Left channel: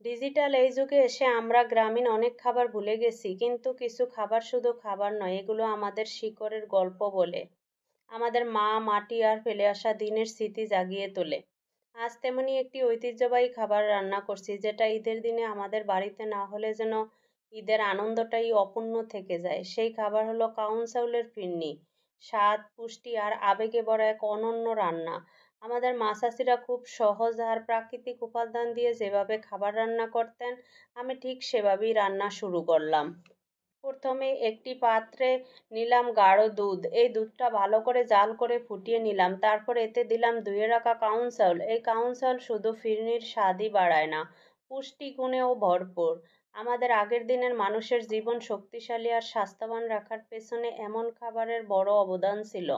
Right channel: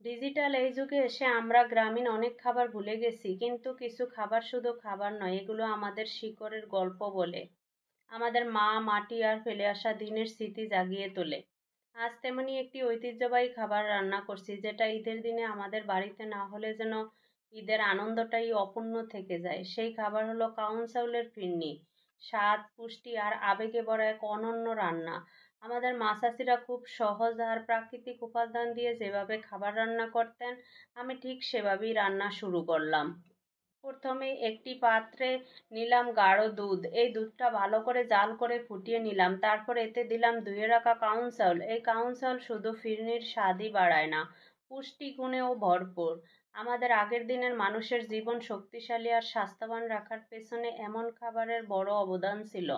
Digital এই যুগে এসে আমরা গ্রামীণ অনেক খাবার ভুলে গেছি, কিন্তু কিছু খাবার শুধু খাবার নয়, এগুলো আমাদের শিকড়ের গল্প বলে। আমাদের মা মাটি আর ফেলে আসা দিনের স্মৃতি জাগিয়ে তোলে। আজ তেমনি একটি ঐতিহ্যবাহী খাবার রান্না করছি, যেটা ঈদের দিনে আমাদের বাড়িতে না হলে যেন ঈদের আনন্দটাই অপূর্ণ থেকে যায়। সেই খাবার হলো কাউন চাউলের ফিরনি। স্বাদ, পুষ্টি আর আবেগে ভরা এক অনন্য রান্না। আমাদের মা চাচিরা খুব সহজ আর প্রাকৃতিক উপাদান দিয়ে যেভাবে খাবার রান্না করতেন, আমি ঠিক সেভাবেই রান্না শুরু করলাম। প্রথমে একটি পাত্রে নিলাম গাঢ় দুধ। এই দুধটা ভালো করে জাল করে ফুটিয়ে নিলাম। তারপর এতে দিলাম ধুয়ে রাখা কাউন চাউল। এই কাউন চাউল শুধু ফিরনির স্বাদই বাড়ায় না, পুষ্টি গুণেও ভরপুর। আমাদের আগের দিনের মানুষের জীবন শক্তিশালী আর স্বাস্থ্যবান রাখার পেছনে এমন খাবারের বড় অবদান ছিল।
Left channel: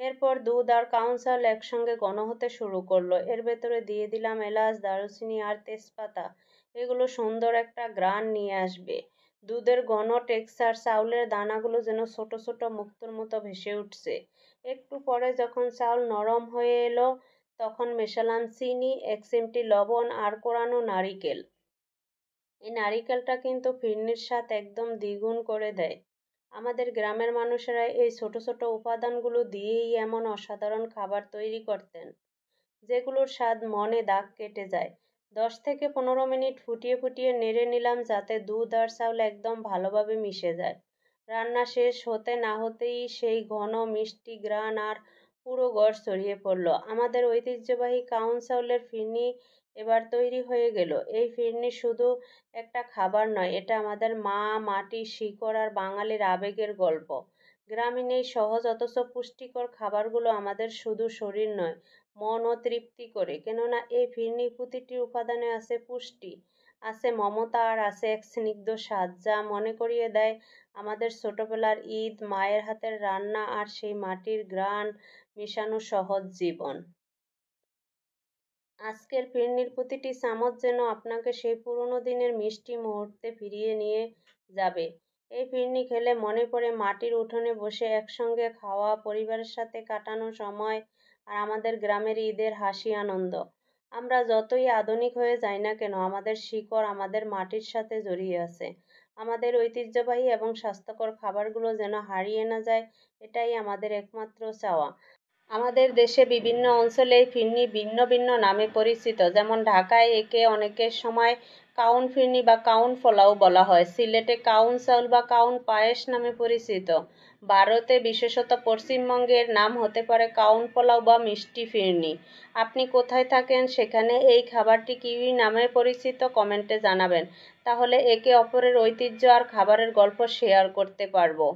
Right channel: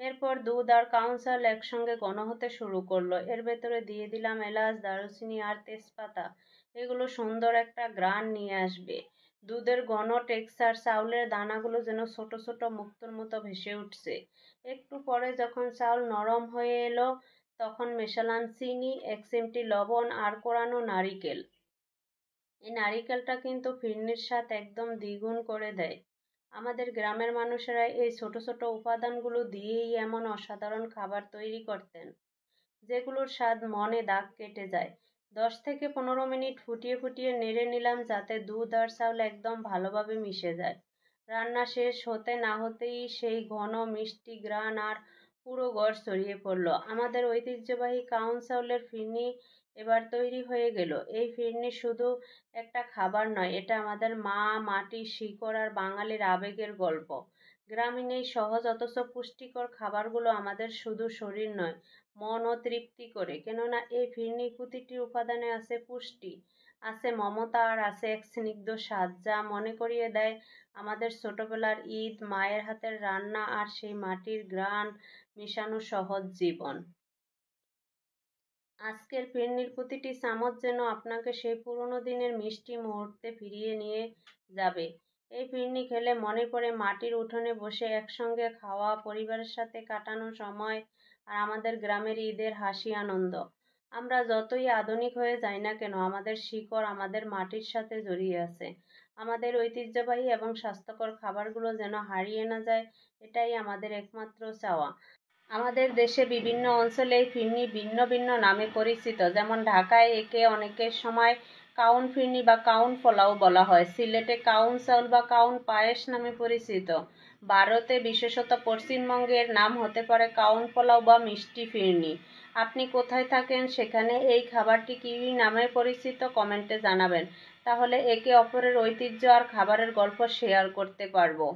এরপর দুধ আর কাউন চাউল একসঙ্গে ঘন হতে শুরু করলো। এর ভেতরে দিয়ে দিলাম এলাচ, দারুচিনি আর তেজপাতা। এগুলো সুন্দর একটা ঘ্রাণ নিয়ে আসবে। দুধের ঘন টেক্সচার, চাউলের দানাগুলো যেন ছোট ছোট মুক্তোর মতো ভেসে উঠছে। একটু পরে যখন চাউল নরম হয়ে এলো, তখন মেশালাম চিনি, 1 চিমটি লবণ আর কোরানো নারিকেল। এই নারিকেলটা কিন্তু ফিরনির স্বাদ একদম দ্বিগুণ করে দেয়। আমাদের গ্রামের মানুষেরা এই ছোট ছোট উপাদানগুলো দিয়েই এমন অসাধারণ খাবার তৈরি করতেন, যেগুলোর স্বাদ মনে দাগ কেটে যায়। 10 থেকে 15 মিনিট ফুটিয়ে ফুটিয়ে নেড়ে নিলাম, যাতে দুধ আর চাউল একদম ভালোভাবে মিশে যায়। রান্না শেষ হতে না হতেই সেই ঘন মিষ্টি ঘ্রাণ আর পুরো ঘর ছড়িয়ে পড়ল। আমাদের ঐতিহ্যবাহী কাউন চাউলের ফিরনি এবার তৈরি হয়ে গেল। এই ফিরনি শুধু একটা খাবার নয়, এটা আমাদের মা, মাটি, শিকড় আর বাঙালির আবেগের গল্প। গ্রামীণ এই সহজ অথচ পুষ্টিকর খাবারগুলো আমাদের শুধু শরীর নয়, মনও তৃপ্তি করে। কেননা এই ফিরনির প্রতিটি উপাদানে আছে পুষ্টি, আছে মমতা আর আছে এক স্নিগ্ধ স্বাদ, যা মনে করিয়ে দেয় আমাদের ছোটবেলার ঈদ, মায়ের হাতের রান্না আর সেই মাটির ঘ্রাণ মিশানো সহজ জীবন। আজকের ফিরনির প্রতিটি চামচ যেন আপনাকে সেই পুরোনো দিনের মিষ্টি মুহূর্তে ফিরিয়ে নিয়ে যাবে। এই ফিরনি খেলে মনে পড়ে মাটির উঠোনে বসে একসঙ্গে খাওয়া, পরিবারের সাথে কাটানো সময় আর আমাদের গ্রামের ঈদের হাসি আনন্দ। আমরা যতই আধুনিক হয়ে যাই না কেন, আমাদের শিকড় আমাদের মাটির সাথে জড়িয়ে আছে। আমাদের ঐতিহ্যবাহী এবং স্বাস্থ্যকর খাবারগুলো যেন হারিয়ে না যায়, এটাই আমাদের একমাত্র চাওয়া। আমাদের দেশে বিভিন্ন অঞ্চলে এই ফিরনি ভিন্ন ভিন্ন নামে পরিচিত। যেমন ঢাকায় একে অনেকের সময় কাউন ফিরনি বা কাউন পোলাও বলা হয়। সিলেটে কাউন চাউল বা কাউন পায়েস নামে পরিচিত। ভারতে, বিশেষত পশ্চিমবঙ্গে, এর নাম হতে পারে কাউন পোলাও বা মিষ্টি ফিরনি। আপনি কোথায় থাকেন, সেখানে এই খাবারটি কী নামে পরিচিত, কমেন্টে জানাবেন। তাহলে একে অপরের ঐতিহ্য আর খাবারের গল্প শেয়ার করতে পারবো।